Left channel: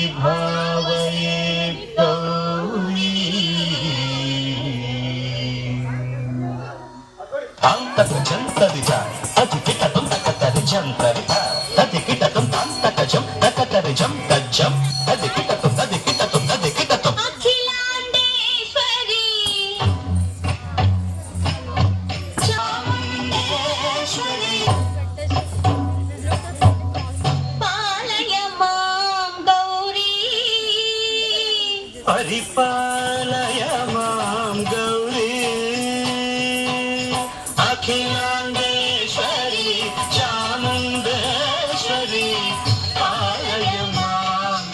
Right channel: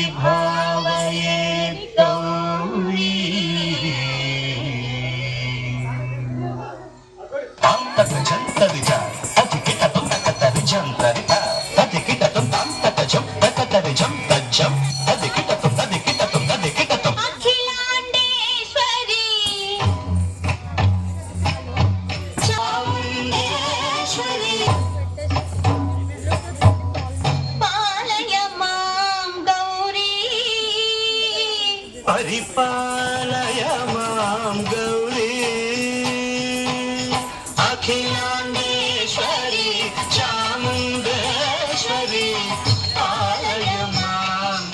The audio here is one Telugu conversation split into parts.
అంతర్విభావయే గౌరీ తాం తకజం తదిజ తదికిటతం తకతరిజం తరిత తదికిటతం తాం తకజం తకతరిజం తజ్జం తదికిటతం తదికిటతం తదికిటతం అఖిలాండేశ్వరి చాముండేశ్వరి పాలయ మాం గౌరీ పరిపాలయ మాం గౌరీ అఖిలాండేశ్వరి చాముండేశ్వరి పాలయ మాం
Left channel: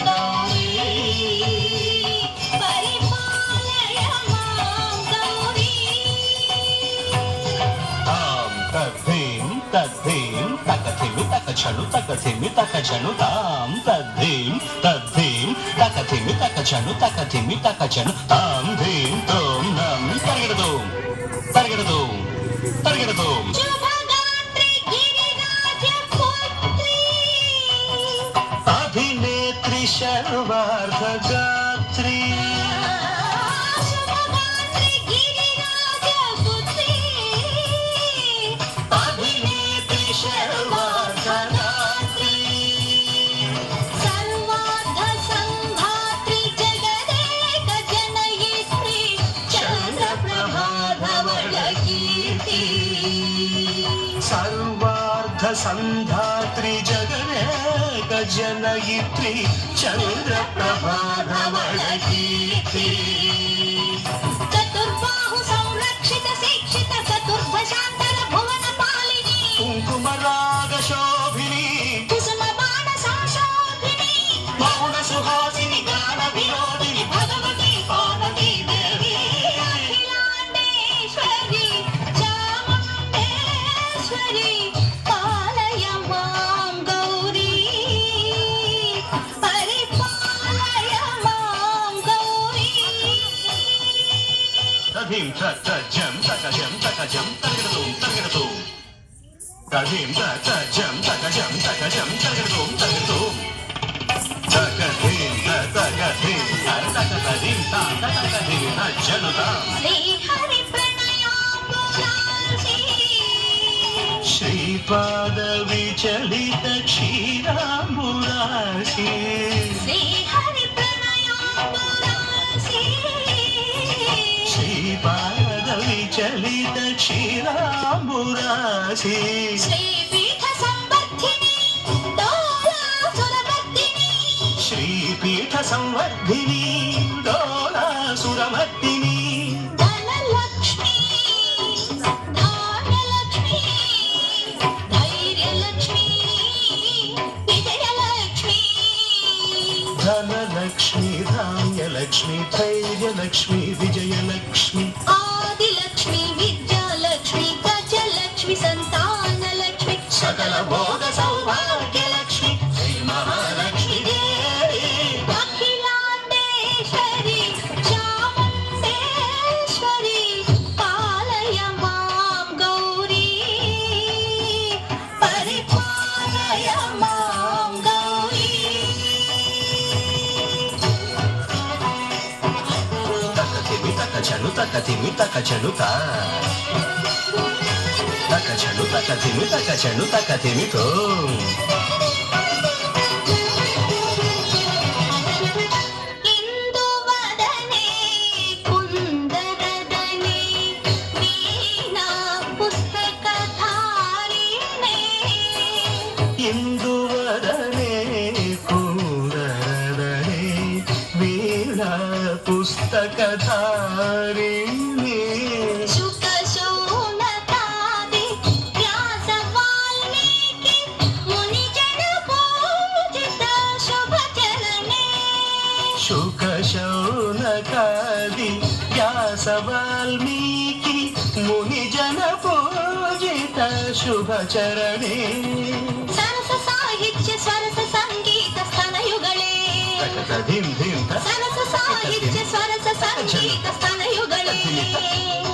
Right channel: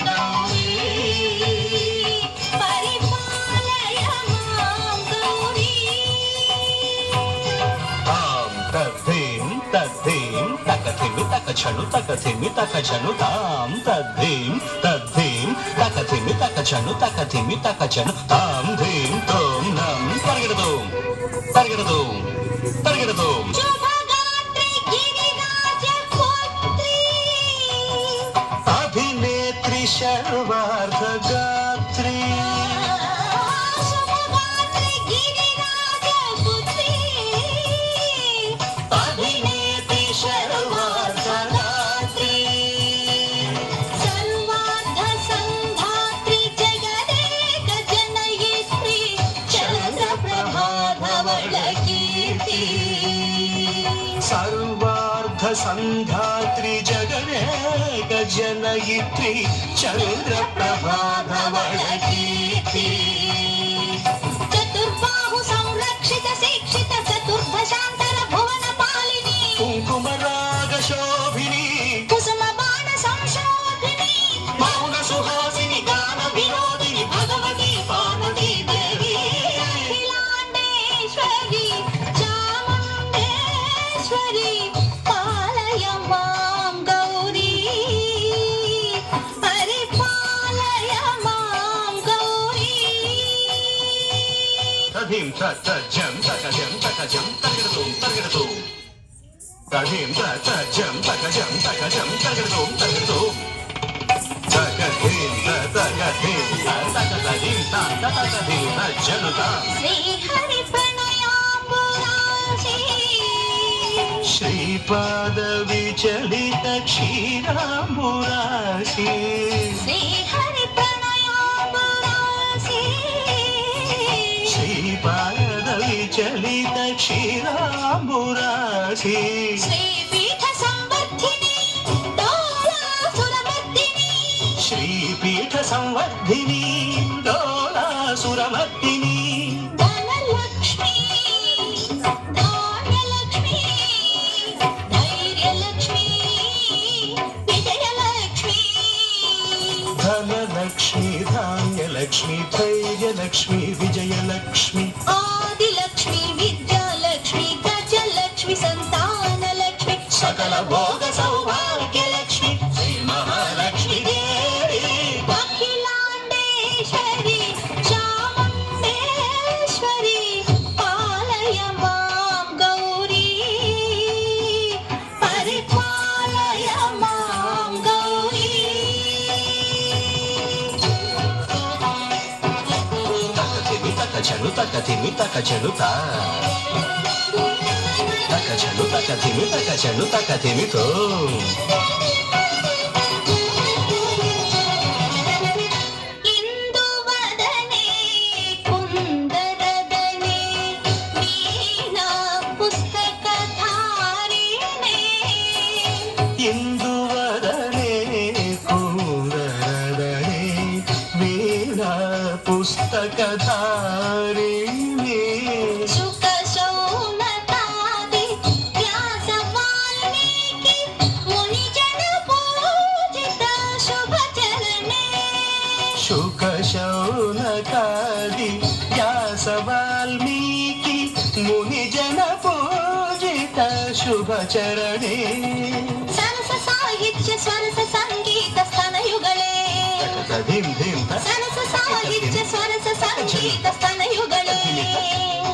గౌరీ పరిపాలయ మాం గౌరీ తాం తద్ధీం తద్ధీం తకథిమి తకచను తకథిమి తకచను తాం తద్ధీం తద్ధీం తకథిమి తకచను తకథిమి తకచను తాం ధీం తోం నం పరిగెడదోం పరిగెడదోం పరిగెడదోం శుభగాత్రి గిరిరాజ పుత్రి అభినేత్రి శర్వార్ధగాత్రి శుభగాత్రి గిరిరాజ పుత్రి అభినేత్రి శర్వార్ధగాత్రి సర్వార్థ సంధాత్రి జగదేక జనయిత్రి చంద్రప్రభాధవళ కీర్తి సర్వార్థ సంధాత్రి జగదేక జనయిత్రి చంద్రప్రభాధవళ కీర్తి చతుర్బాహు సంరక్షిత శిక్షిత చతుర్భశాంతర భువన పాలిని కుంకుమరాగ శోభిని కుసుమ బాణ సంశోభిని మౌన సుహాసిని గాన వినోదిని భగవతి పార్వతీ దేవి అఖిలాండేశ్వరి చాముండేశ్వరి పాలయ మాం గౌరీ పరిపాలయ మాం గౌరీ తధీం తజం తకజం తకజం తగడదోం తగడదోం తధీం తజం తకజం తకజం తగడదోం తగడదోం తగధీం తగధీం తగధీం తగధీం తజనుతాం శ్రీహరి ప్రణయాంబురాశి శ్రీపాద విచలిత క్షీరాంబురాశి శ్రీహరి ప్రణయాంబురాశి శ్రీపాద విచలిత క్షీరాంబురాశి శ్రీపీఠ సంవర్ధిని డోలాసురమర్దిని శ్రీపీఠ సంవర్ధిని డోలాసురమర్దిని ధనలక్ష్మి ధాన్యలక్ష్మి ధైర్యలక్ష్మి విజయలక్ష్మి ధనలక్ష్మి ధాన్యలక్ష్మి ధైర్యలక్ష్మి విజయలక్ష్మి ఆదిలక్ష్మి విద్యాలక్ష్మి గజలక్ష్మి సంతానలక్ష్మి సకల భోగ సౌభాగ్యలక్ష్మి శ్రీ మహాలక్ష్మి దేవి అఖిలాండేశ్వరి చాముండేశ్వరి పాలయ మాం గౌరీ పరిపాలయ మాం గౌరీ తకతిమి తకచను తకతిమి తకచను తకచను తకతిమి తకచను తకతిమి తో ఇందువదనే కుందరదనే వీణా పుస్తకధారిణే ఇందువదనే కూరదనే వీణా పుస్తకధారిణి శుక శౌనకాది వ్యాస వాల్మీకి మునిజన పూజిత శుభచరణే శుక శౌనకాది వ్యాస వాల్మీకి మునిజన పూజిత శుభచరణే సరస సాహిత్య సరస సంగీత స్తనయుಗಳೇ ధిం ధిం సరస సాహిత్య సరస సంగీత స్తనయుಗಳೇ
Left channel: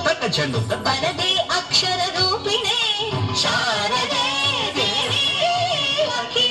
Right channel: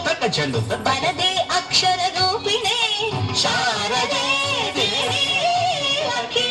తకచను వరదే అక్షర రూపిణే శారదే దేవి అఖిల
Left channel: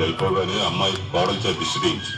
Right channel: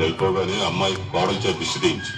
వెళ్ళిపోగానే అమ్మాయి కోడలు చేతి దిష్టి తీయించు.